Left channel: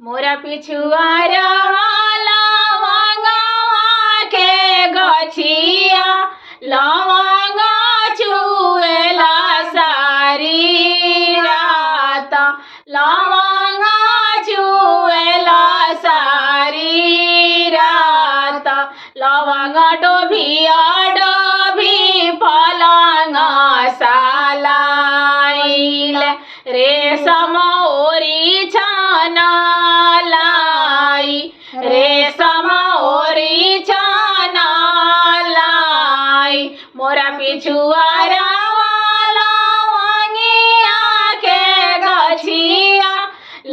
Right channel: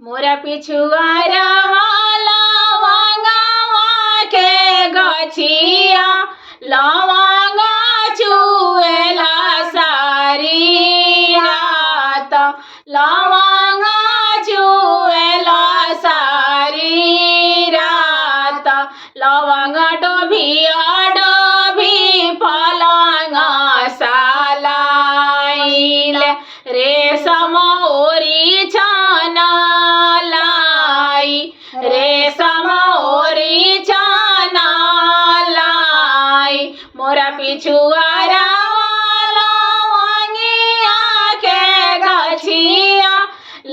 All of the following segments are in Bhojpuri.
मोरा पिछुआरा लवंगवा के गछिया लवंगा चुएला सारी रात लवंगा चुएला सारी रात लवंगा डोभिया डोभी पलंगा सालाइल रेशम ओरी छाना लाई रेशम ओरी छाना लाई मोरा पिछुआरा लवंगिया के गछिया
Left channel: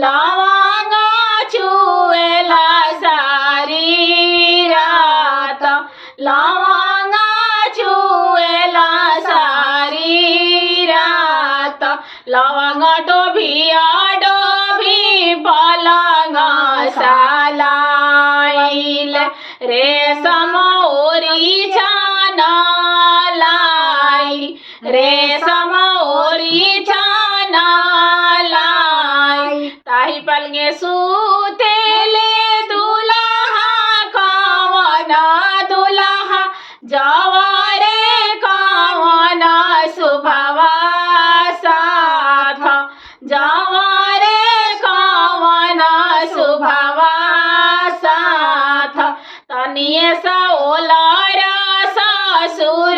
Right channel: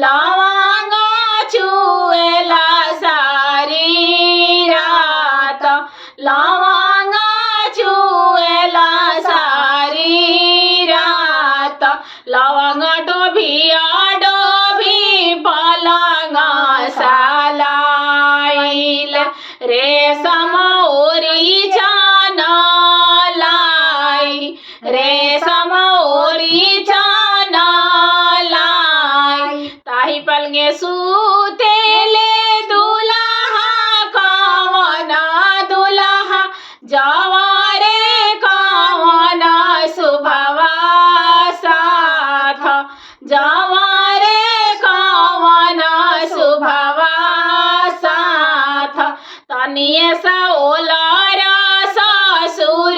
लवंगा चुएला सारी रात लवंगा चुएला सारी रात लवंगा डोभिया डोभी पलंगा सालाइल रेशम ओरी छाना लाई रेशम ओरी छाना लाई ताही पलंगे सूतेले दुल्हा कवना दुल्हा जवारे कवना सुभवा साथ जवारे कवना सुभवा साथ तनिए सा ओलारा ससुर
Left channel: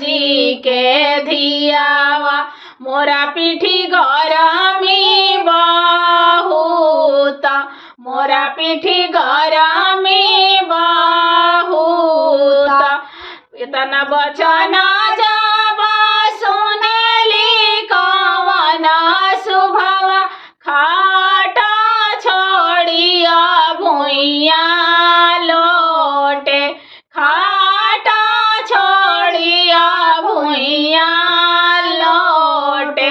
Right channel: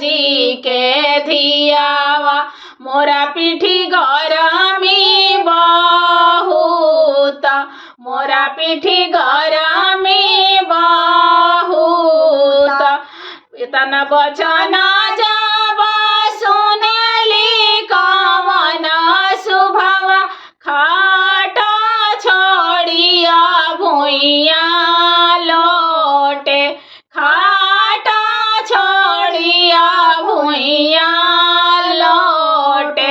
जी के धियावा मोरा पीठी गरमी बहुत मोरा पीठी गरमी बहुत इतना बचना जब सुनली कवना सुभवा खाट छोड़िया भुइया लोटे खाट छोड़िया भुइया लोटे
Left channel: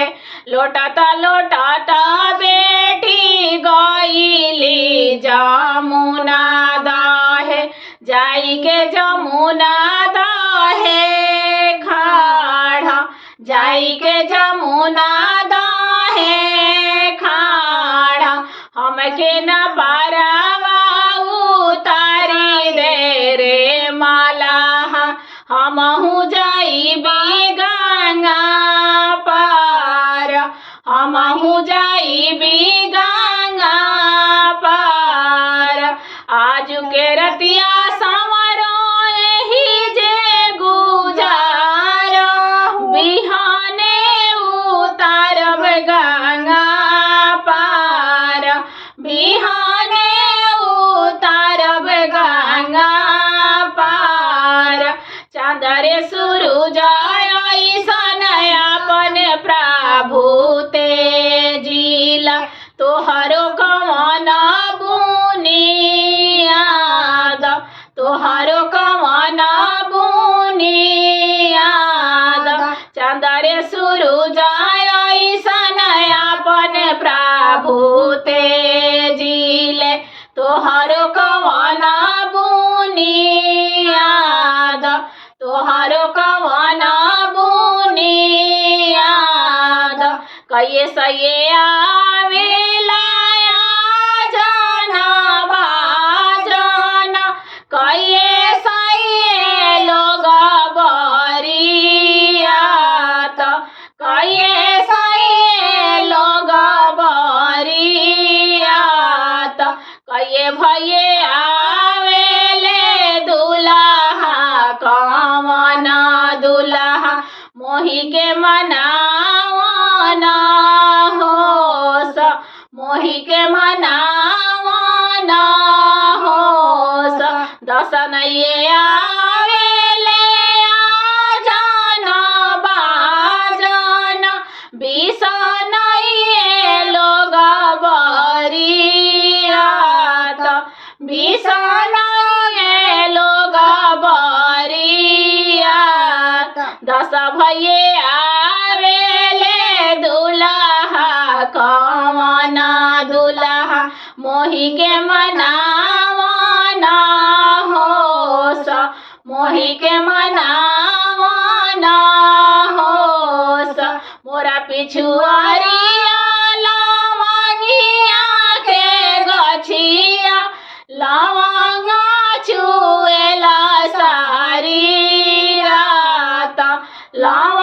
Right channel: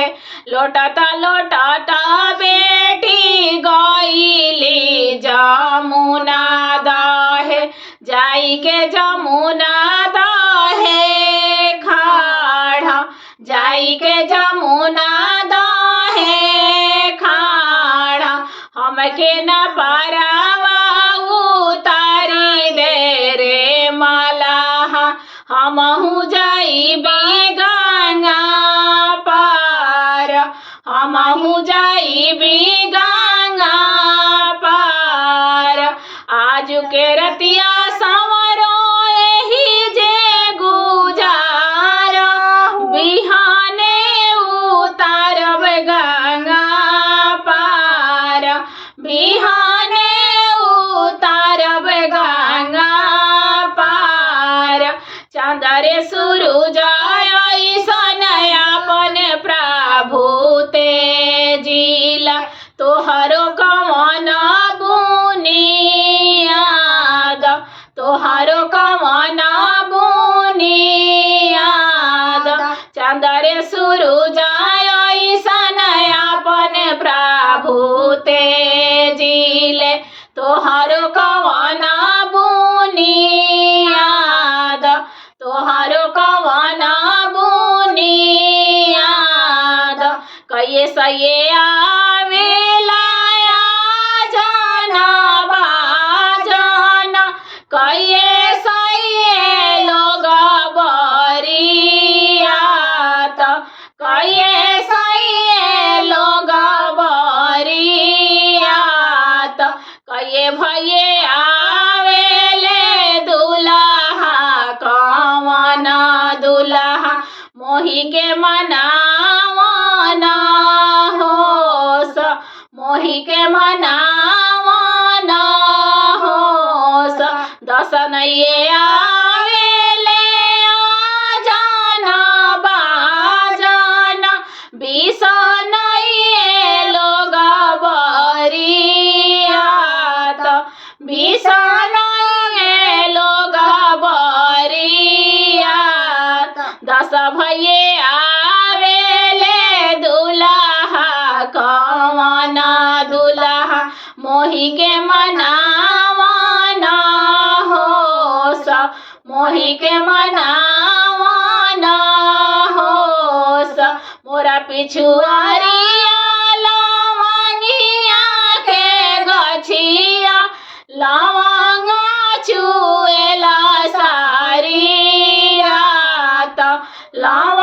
लोटाता लोटाता बेटी गईली जमुना दाहे जाई के जमुना दाहे खाड़ा जाई के जमुना दाहे खाड़ा हमके न पारावा उतारी दे रे मलाहा हमहू जाइबी गंगा पार हमहू जाइबी गंगा पार आज के रतिया संवरो एही जे गुजारा बिहाने उतारब गंगा पार बिहाने उतारब गंगा पार चंदरे सूरज ऐसन अपन प्रभु तेजिला तोहरो कवन बुनियाद तोहरो कवन बुनियाद चंदरे सूरज ऐसन अपन प्रभु तेजिले तोहरो कवन बुनियाद तोहरो कवन बुनियाद कहिए सये आवेला जाना बाजाना कहिए सये लोग बरियात कहिए सये लोग बरियात कहिए भैये आवेले दुल्हा कवना दुल्हा मोही के मनावना होस मोही के मनावना होस दसनये आवेले जाना बाजाना बिसनये लोग बरियात बिसनये लोग बरियात दस भैये आवेले दुल्हा कवना दुल्हा मोही के मनावना होस मोही के मनावना होस मोरा पिछुआरिया लवंगिया के गछ लाव